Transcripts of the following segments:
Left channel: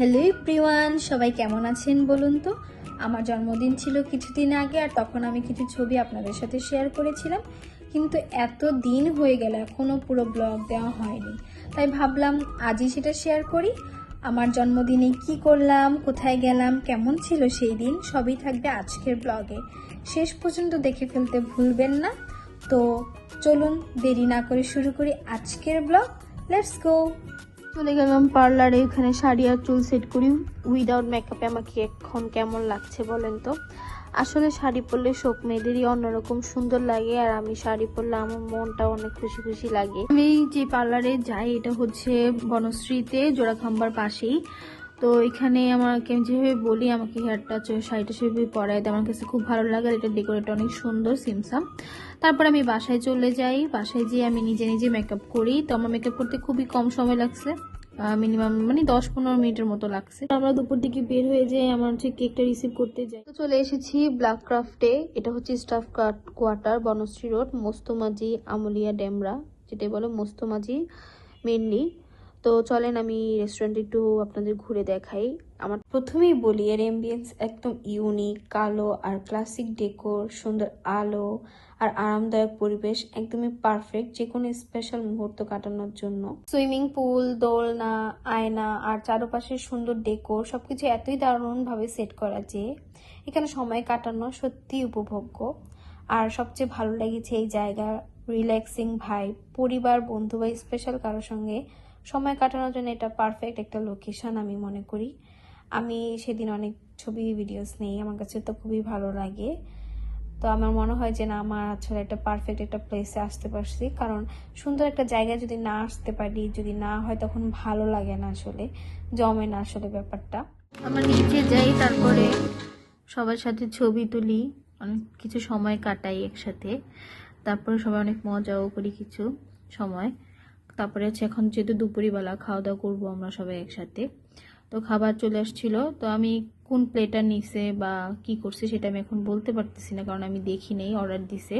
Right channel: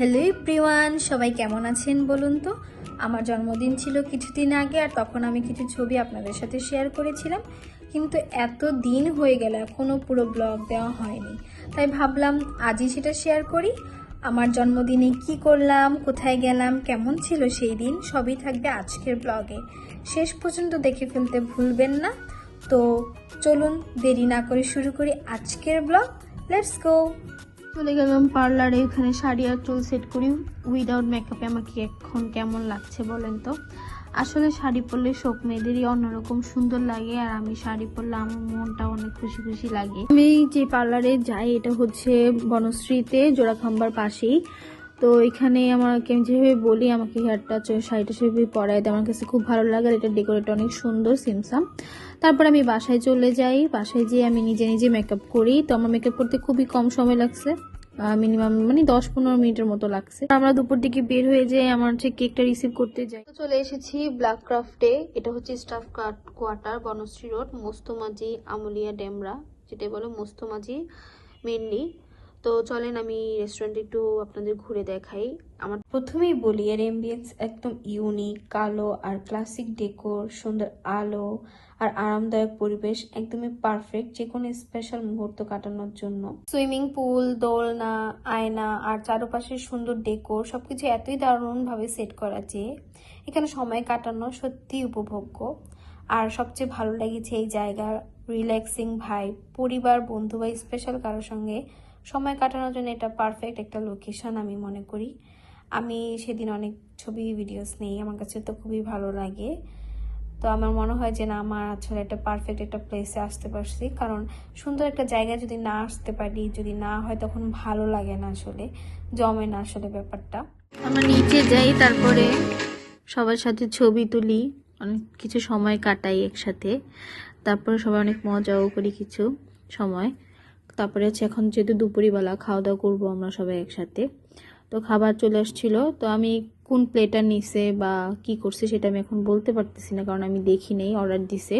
Hello everyone, সবাই কেমন আছেন বলুন তো। আমার জন্মদিন ছিল কিছুদিন আগে, আর তখন আমি কিছু ছবি আপনাদের সাথে শেয়ার করেছিলাম, কিন্তু এত দিন হয়ে গেল এখনও পুরো ব্লগ দেওয়া হয়নি। তাই ভাবলাম আজই সেটা শেয়ার করি। আমার জন্মদিনে কি করলাম, কোথায় গেলাম, কেমন ছিল সেই দিন, সবই থাকবে আজকের ব্লগে। শেষ পর্যন্ত দেখে ফেলতে ভুলবেন না। তো চলুন দেরি না করে শুরু করি আজকের ব্লগ। Let's go. চলে গেলাম পার্লারে, এখানে শাড়ি আর চুল সেট করি উইদাউট মেকআপে। আমাকে এখন কেমন লাগছে বলেন তো। আসলে শাড়ি পরলে সব মেয়েদেরই অন্যরকম সুন্দর লাগে, আর আমি শাড়ি পরলে আমার মনটা অনেক খুশি খুশি লাগে। আমি যে পার্লারে যাই এটা হচ্ছে বনশ্রীতে, জোড়াখাম্বার পাশেই। তো এখানে আমাকে যেভাবে বলি আমাকে হেয়ারটা শাড়িটা সেভাবে পরায়, তো আমার কাছে খুব ভালো লাগে। আর এটা ডেকোরেট অনেক সুন্দর, সিমসাম। তারপর আমি বাসায় চলে যাই, বাসায় গিয়ে আমি নিজে নিজে মেকআপ করি। তো আমার মেকআপ করতে খুবই কম সময় লাগছে, মিনিমাম মানে 10-15 মিনিটের মতো লাগছে। আমরা দুপুর দিকে বের হয়ে যাই, আমার হচ্ছে কেকটা রিসিভ করতে যাই। তো চলে এসেছি ব্ল্যাক ক্রাফটে। এটা হচ্ছে স্টাফ কোয়ার্টার, বনশ্রী রোড, মোস্তমাজি, আমুলিয়া ডেমরা, যেটাই বলে মোস্তমাজি মেনলি। তো চলেন আমি রেস্টুরেন্টে একটু আপনাদের ঘুরে দেখাই। আমার প্রথমেই বলি এর এমবিয়েন্স একদম ইউনিক, কালো আর ক্লাসিক ডেকোর, সুন্দর আলো আর আরামদায়ক পরিবেশ, একদমই পারফেক্ট যে কোনো স্পেশাল মুহূর্ত কাটানোর জন্য। সুইমিং পুল, দোলনা, আয়না আর চারপাশে সুন্দর ডেকোর সবকিছু এতই দারুণ ভাবে সেট করা যে এখানে সময় কাটানো সত্যিই উপভোগ্য। আর সবচেয়ে ভালো লেগেছে এই জায়গার রিল্যাক্সিং ভাইব। পরিবার, বন্ধু বা স্পেশাল কারোর সঙ্গে সময় কাটানোর জন্য এটা পারফেক্ট একটা লোকেশন আমি মনে করি। আমি সেদিন অনেক ছবি ভিডিওস নেই, আমার কাছে তো খুবই ভালো লাগে। তো আমার মনে হয় যে না, আমার আসলে একটা পারফেক্ট একটা প্লেসে আসতে পারছি, কারণ সুন্দর একটা জায়গায় যদি না আসতে পারি, যদি না হয় তখন ভালো লাগে না, আসলে জমে না আসলে ব্যাপারটা। আমরা নিচে যাই, তারপরে সবার সাথে ছবি তুলি, অনেক কিছু সময় কাটাই একসাথে। তারপরে সবাই অনেক মজাও করি কিছু সময়। তারপরে হচ্ছে এখন যেহেতু দুপুরবেলা খাওয়া দাওয়া করবো আমরা সবাই একসাথে, তো খাবার চলে আসছিল। তো আমি কোন প্লেটার নিছে বা কি করছে সেটা আমি এখন বলতে পারতেছি না, কারণ আমি দেখি নেই, অর্ডার দিছে,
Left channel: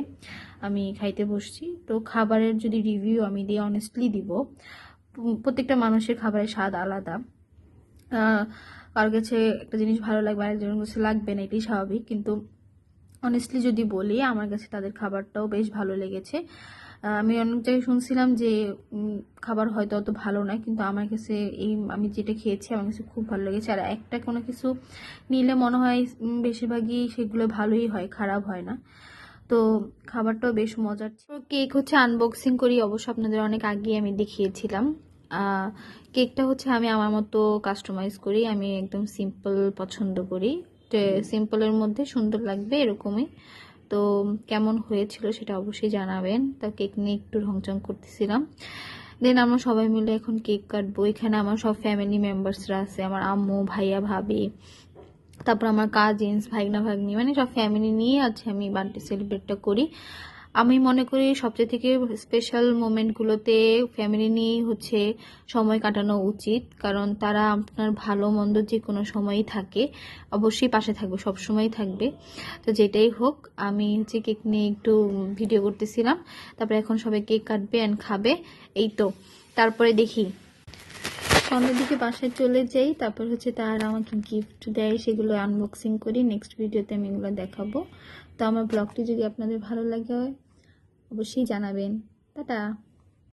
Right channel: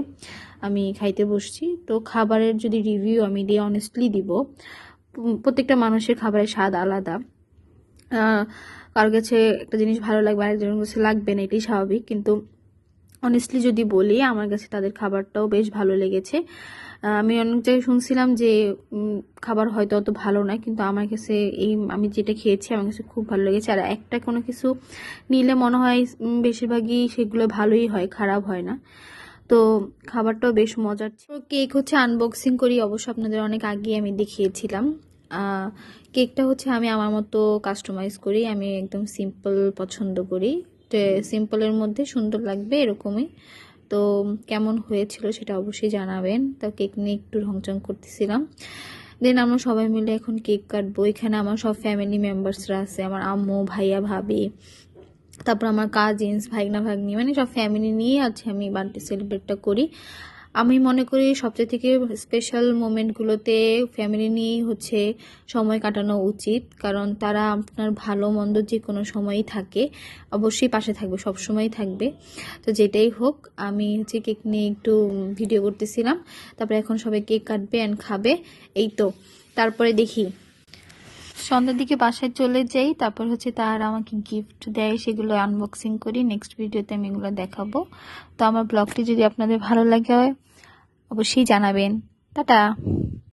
আমি খাইতে বসছি। তো খাবারের যদি রিভিউ আমি দিয়ে অনেস্টলি দিব, প্রত্যেকটা মানুষের খাবারের স্বাদ আলাদা। কারোর কাছে একটা জিনিস ভালো লাগবে, আরেকজনের কাছে লাগবে না, এটাই স্বাভাবিক। কিন্তু অনেস্টলি যদি বলি, আমার কাছে তাদের খাবারটাও বেশ ভালো লেগেছে। আমি অনেক জায়গায় শুনছিলাম যে খাবার হয়তো অত ভালো না, কিন্তু আমার কাছে আমি যেটা খেয়েছি আমার কাছে খুব ভালো লেগেছে। আর একটা কোনো কিছু নিলে মনে হয় বেশিরভাগই সেগুলো ভালোই হয়, খারাপ হয় না। তো খাবারটাও বেশ মজার ছিল। কেক হচ্ছে আনবক্সিং করি, অবশ্য আপনাদের অনেক আগে আমি দেখিয়েছিলাম। কেকটা হচ্ছে আমি আমার মতো কাস্টমাইজ করি, আমি একদম সিম্পল পছন্দ করি। সিম্পলের মধ্যে সুন্দর লাগবে এরকমই। তো কেমন হয়েছিল সেটা অবশ্যই জানাবেন। তো কেক নিয়ে একটু রংচং করতেছিলাম। দেন আমরা সবাই মিলে এখন কেক কাটবো। এখানে আমার সব ফ্যামিলি মেম্বার্সরা আছে, আমার আম্মু, ভাইয়া, ভাবি, তারপর আমার কাজিনস, ভাগনা ভাগ্নি, মানে সব ফ্যামিলি নিয়ে আছে আমি বার্থডে সেলিব্রেটটা করি। আমি মনে করি সবচেয়ে থেকে স্পেশাল মোমেন্টগুলোতে ফ্যামিলি নিয়েই হচ্ছে সময় কাটানো উচিত, কারণ তারা আপনার ভালো মন্দ যে কোনো সময়ই থাকে, অবশ্যই পাশে থাকবে, সব সময়ই থাকবে। তো যেটাই হোক, আমি হচ্ছে কেক নিয়ে একটু ভিডিও করতেছিলাম। তারপরে এখন সবাই কেক কাটবে অ্যান্ড খাবে, এই তো। তারপরে দেখি সন্ধ্যার দিকে বাসায় চলে যাই, তারপর হচ্ছে তারা আমাকে গিফট দেয়, সেগুলো আনবক্সিং করি। নেক্সট ভিডিওতে আমি এগুলো দেখাবো। তো আমার ব্লগটি যদি আপনাদের ভালো লাগে অবশ্যই জানাবেন। টাটা।